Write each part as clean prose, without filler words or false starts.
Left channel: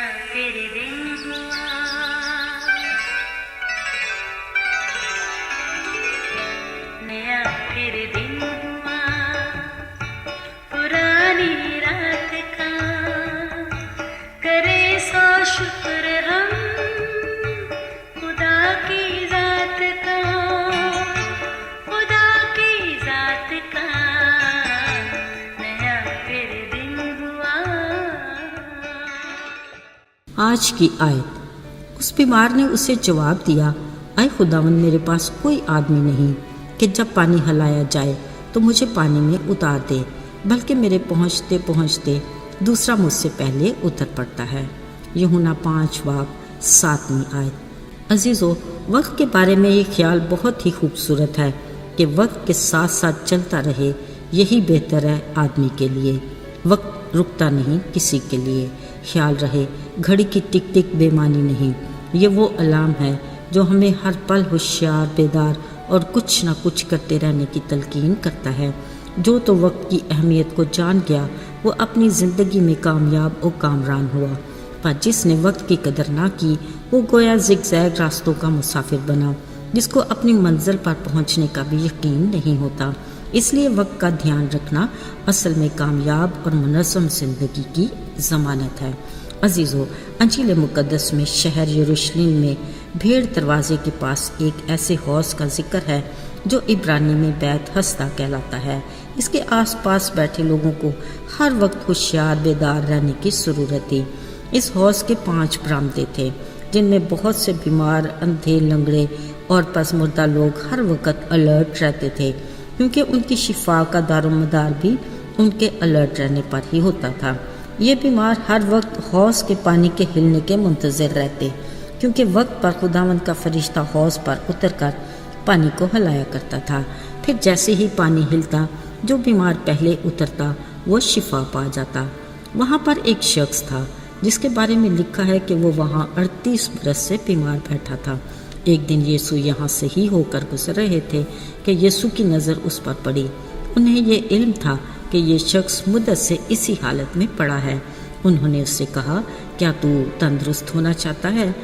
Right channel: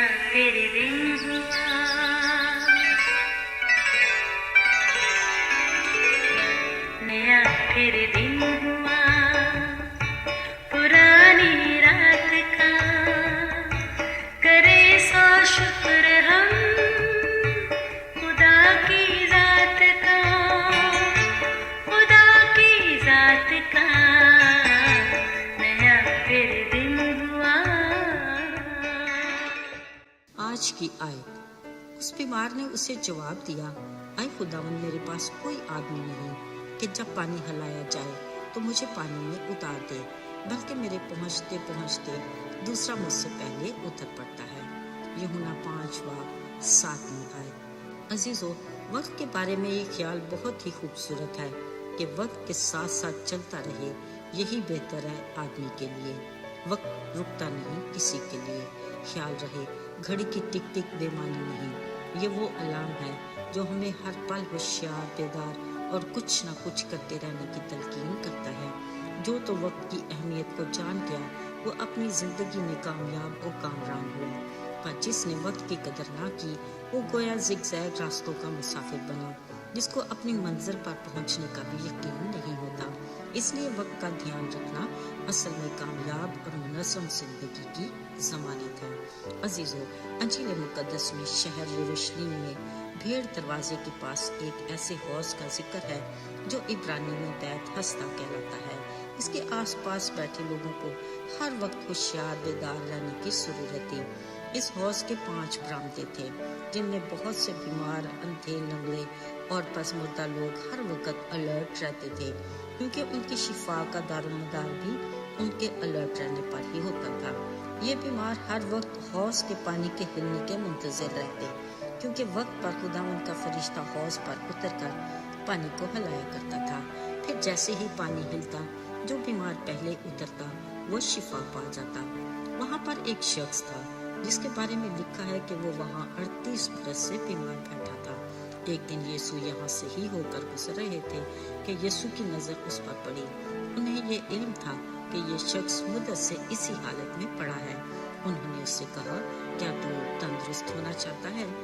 नया फिर दिन हुआ, नया फिर दिन हुआ, पुरानी रात का करे सो शुक्र हम खुदा की जात का, खुदा की जात का नया फिर दिन हुआ। आज की आयत। उस बीमार ने उसे जवाब दिया, ऐ खुदावंद, मेरे पास कोई आदमी नहीं कि जब पानी हिलाया जाए तो मुझे पानी में उतार दे, बल्कि मेरे पहुँचते पहुँचते दूसरा मुझसे पहले उतर पड़ता है। यूहन्ना 5:7 आयत। अजीज़ों, वक्त के बारे में ये ख्याल बहुत ही खूबसूरत है कि वक्त के साथ साथ चलता रहे, यही बेहतर है आदमी के लिए। वक्त रुकता नहीं किसी के लिए। ख्याल रहे, घड़ी की टिक टिक बेमानी नहीं। ये वो अलार्म है जो हमें हर पल होशियार, बेदार और कुछ ना कुछ करते रहने की तलकीन करता है। जो तो वक्त की अहमियत को जान गया वो अपनी ज़िंदगी में कामयाब और कामरान हुआ, पर जिसने वक्त की कदर ना की वो गोया ज़िगज़ैग रास्तों का मुसाफिर बना, जिसको अपनी मंजिल पर पहुंचने का भी यकीन नहीं होता। इसलिए वक्त का ध्यान रखना असल में कामयाब और मुनज़्ज़म ज़िंदगी की ज़मानत है। अजीज़ों, अंजील मुक़द्दस में शहर यरूशलेम में भेड़ दरवाजे के पास एक ऐसे हौज़ का जिक्र है जो इब्रानी में बैत हस्ता कहलाता है। इसके आसपास बैठे लोगों को हर वक्त होशियार, बेदार रहने की ज़रूरत थी। इस हौज़ के 5 बरामदे थे, जिनमें बहुत से बीमार, अंधे, लंगड़े और पसमुर्दा लोग हर वक्त अलर्ट रहते थे, क्योंकि उनकी शिफा का दारोमदार भी उनके अलर्ट रहने पर ही होता था। ये बीमार हर वक्त हौज़ के पानी के हिलने के मुंतज़िर रहते, क्योंकि वक्त पर खुदावंद का फरिश्ता हौज़ पर उतरकर पानी को हिलाया करता था। फिर जैसे ही पानी हिलता, जो बीमार पहले उतरता वो शिफा पा जाता। वहाँ पर एक शख्स था जिसके बारे में लिखा है कि वो वहाँ 38 बरस से बीमार बैठा था। एक दिन यीशु यहाँ से ही होकर गुजर रहे थे कि यीशु की नज़र उस पर पड़ी। उन्हें ये इल्म था कि ये शख्स मुद्दत से इसी हालत में पड़ा है। उन्होंने उससे कहा, क्या तू तंदुरुस्त होना चाहता है?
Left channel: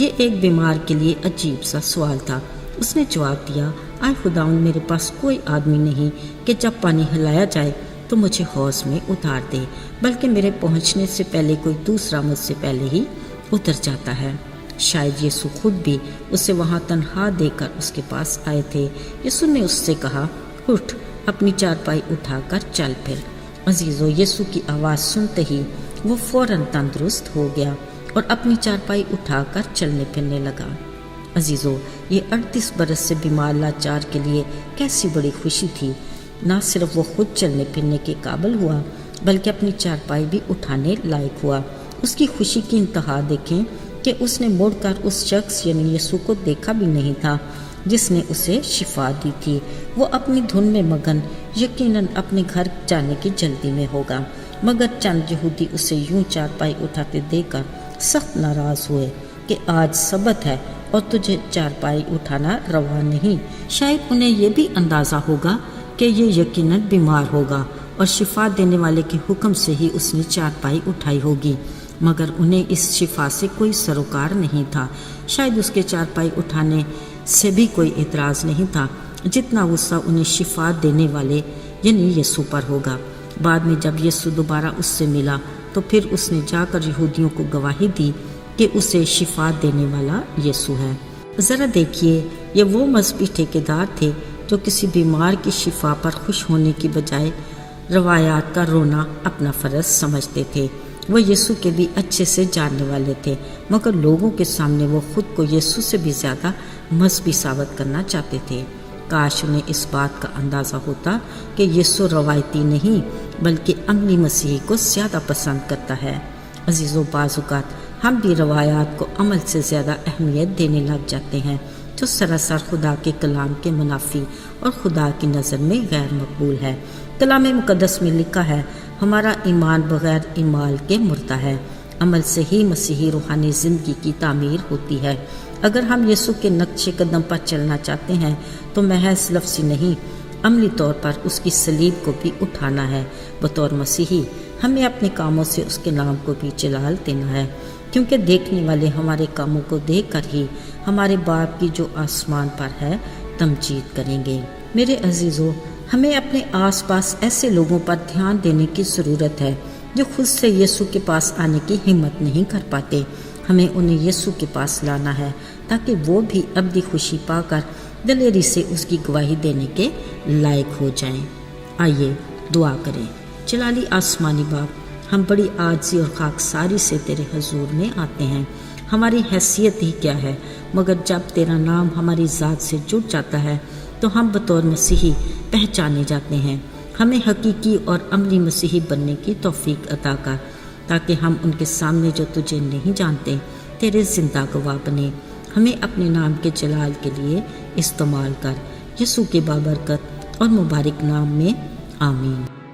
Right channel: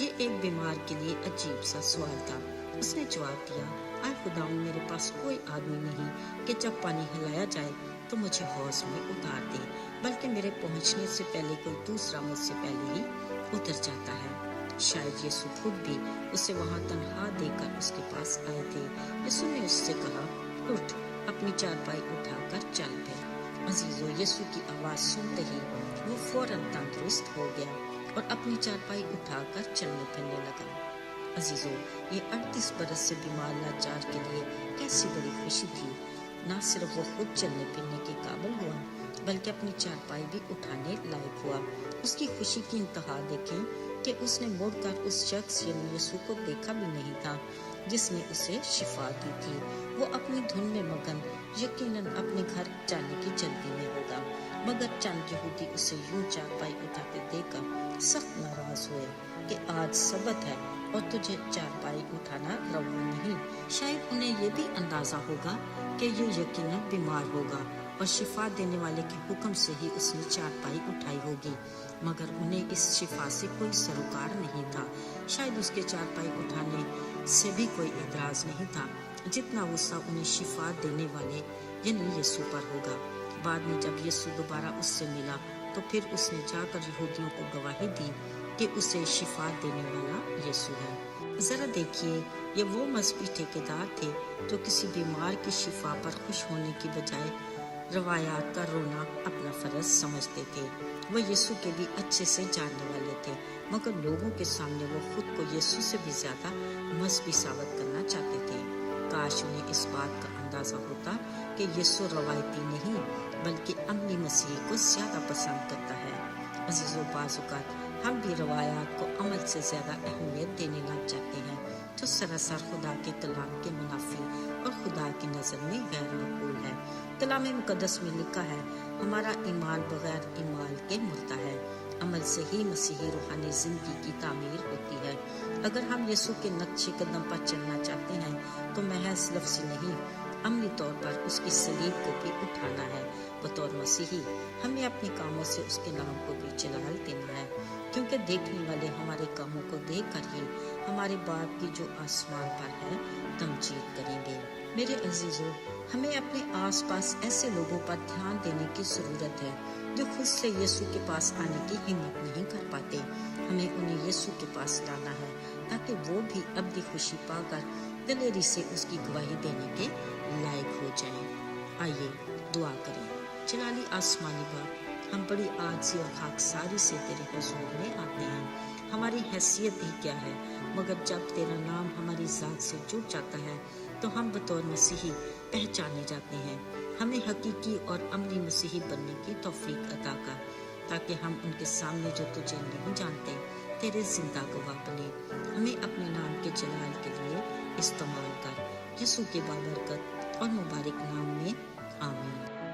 ये एक बीमार के लिए अजीब सा सवाल था। उसने जवाब दिया, आए खुदावंद, मेरे पास कोई आदमी नहीं कि जब पानी हिलाया जाए तो मुझे हौज़ में उतार दे, बल्कि मेरे पहुंचने से पहले कोई दूसरा मुझसे पहले ही उतर जाता है। शायद यीशु खुद भी उसे वहाँ तन्हा देकर उसके पास आए थे। यीशु ने उससे कहा, उठ, अपनी चारपाई उठाकर चल फिर। अजीज़ों, यीशु की आवाज़ सुनते ही वो फौरन तंदुरुस्त हो गया और अपनी चारपाई उठाकर चलने फिरने लगा। अजीज़ों, ये 38 बरस से बीमार लाचार के लिए कैसी बड़ी खुशी थी। ना सिर्फ वो खुद चलने फिरने के काबिल हुआ, बल्कि अपनी चारपाई भी उठाने लायक हुआ। उसकी खुशी की इंतहा देखें कि उसने मुड़कर उस शख्स यानी यीशु को देखा भी नहीं था जिसने उसे शिफा दी थी। वो अपनी धुन में मगन, यकीनन अपने घर जाने की जल्दी में होगा, मगर चंद यहूदी उसे यूं चारपाई उठाते देखकर सख्त नाराज़ हुए कि आज सबत है और तुझे चारपाई उठाना रवा नहीं। शायद उन्हें ये भी अंदाज़ा होगा कि ये यकीनन बीमार होगा और शिफा देने वाले के हुक्म से ही उसने चारपाई उठाई होगी, मगर उन्हें इस शिफा से कोई सरोकार नहीं था। शायद उसके चारपाई उठाने से भी कोई एतराज़ नहीं था, जितना गुस्सा उन्हें शिफा देने वाले यानी यीशु पर होगा। बाद में जब यीशु दोबारा उससे मिला तो फिर उसने जाकर यहूदियों को गवाही दी कि उसे शिफा देने वाला यीशु है। ज़रा देखिए, ये वो मजहबी ठेकेदार थे जो किसी बीमार की शिफा पर खुश होने की बजाय रवायात का रोना अपना फ़र्ज समझते थे। वो यीशु के भी अच्छे से जानने वाले थे, मगर लोगों के सामने वो खुद को यीशु से भी ज़्यादा मजहबी साबित करना चाहते थे। काश उन्हें इस बात का अंदाज़ा होता कि यीशु रवायती नहीं बल्कि अमली मसीही को ज़्यादा पसंद करता है। अजीज़ों, बाज़ औक़ात हम भी रवायात को अमल से ज़्यादा अहमियत देने लग जाते हैं, जो सरासर खुदा के कलाम के मुनाफी और खुदा की नज़र में गैर मकबूल है। कलाम मुक़द्दस में लिखा है, हमारा ईमान बग़ैर ईमाल के मुर्दा है। अमल से ही मसीही रूहानी ज़िंदगी की तामीर होती है। अगर हम यीशु के नक्शे कदम पर चलना चाहते हैं तो महज लफ्ज़ी नहीं, अमली तौर पर उसकी सलीब को भी उठाना है। बतौर मसीही ہمیں اپنے کاموں سے اس کے نام کو بھی جلال دینا ہے، کیونکہ دیکھنے والے ہمارے کاموں کو دیکھ کر ہی ہمارے باپ کی جو آسمان پر ہے تمجید کریں گے۔ میرے عزیزو، ہمیں اپنے آس پاس ایسے لوگوں پر دھیان دینے کی ضرورت ہے جو خود سے یسوع کے پاس آنے کی ہمت نہیں کر پاتے۔ ہمیں انہیں یسوع کے پاس لانا ہے تاکہ وہ بھی ابدی خوشی پا کر دلیری سے اس کی گواہی دینے کے لائق ہو جائیں۔ آئیے دعا کریں۔ جلالی آسمانی باپ، ہم بڑی عاجزی اور خاکساری سے تیرے حضور میں آتے ہیں۔ ہماری حیثیت ہی کیا ہے، مگر جب تیرا نام ہماری ذات سے جڑ جاتا ہے تو ہم بطور مسیحی پہچانے جاتے ہیں۔ ہمیں حقیقی اور عملی مسیحی بننے کی توفیق عطا کر، تاکہ ہم ان کے سامنے جو تجھے نہیں جانتے تیرے زندہ گواہ بنے۔ ہمیں اپنے نام کے جلال کے لیے استعمال کر، یسوع کے بابرکت اور مبارک نام میں آمین۔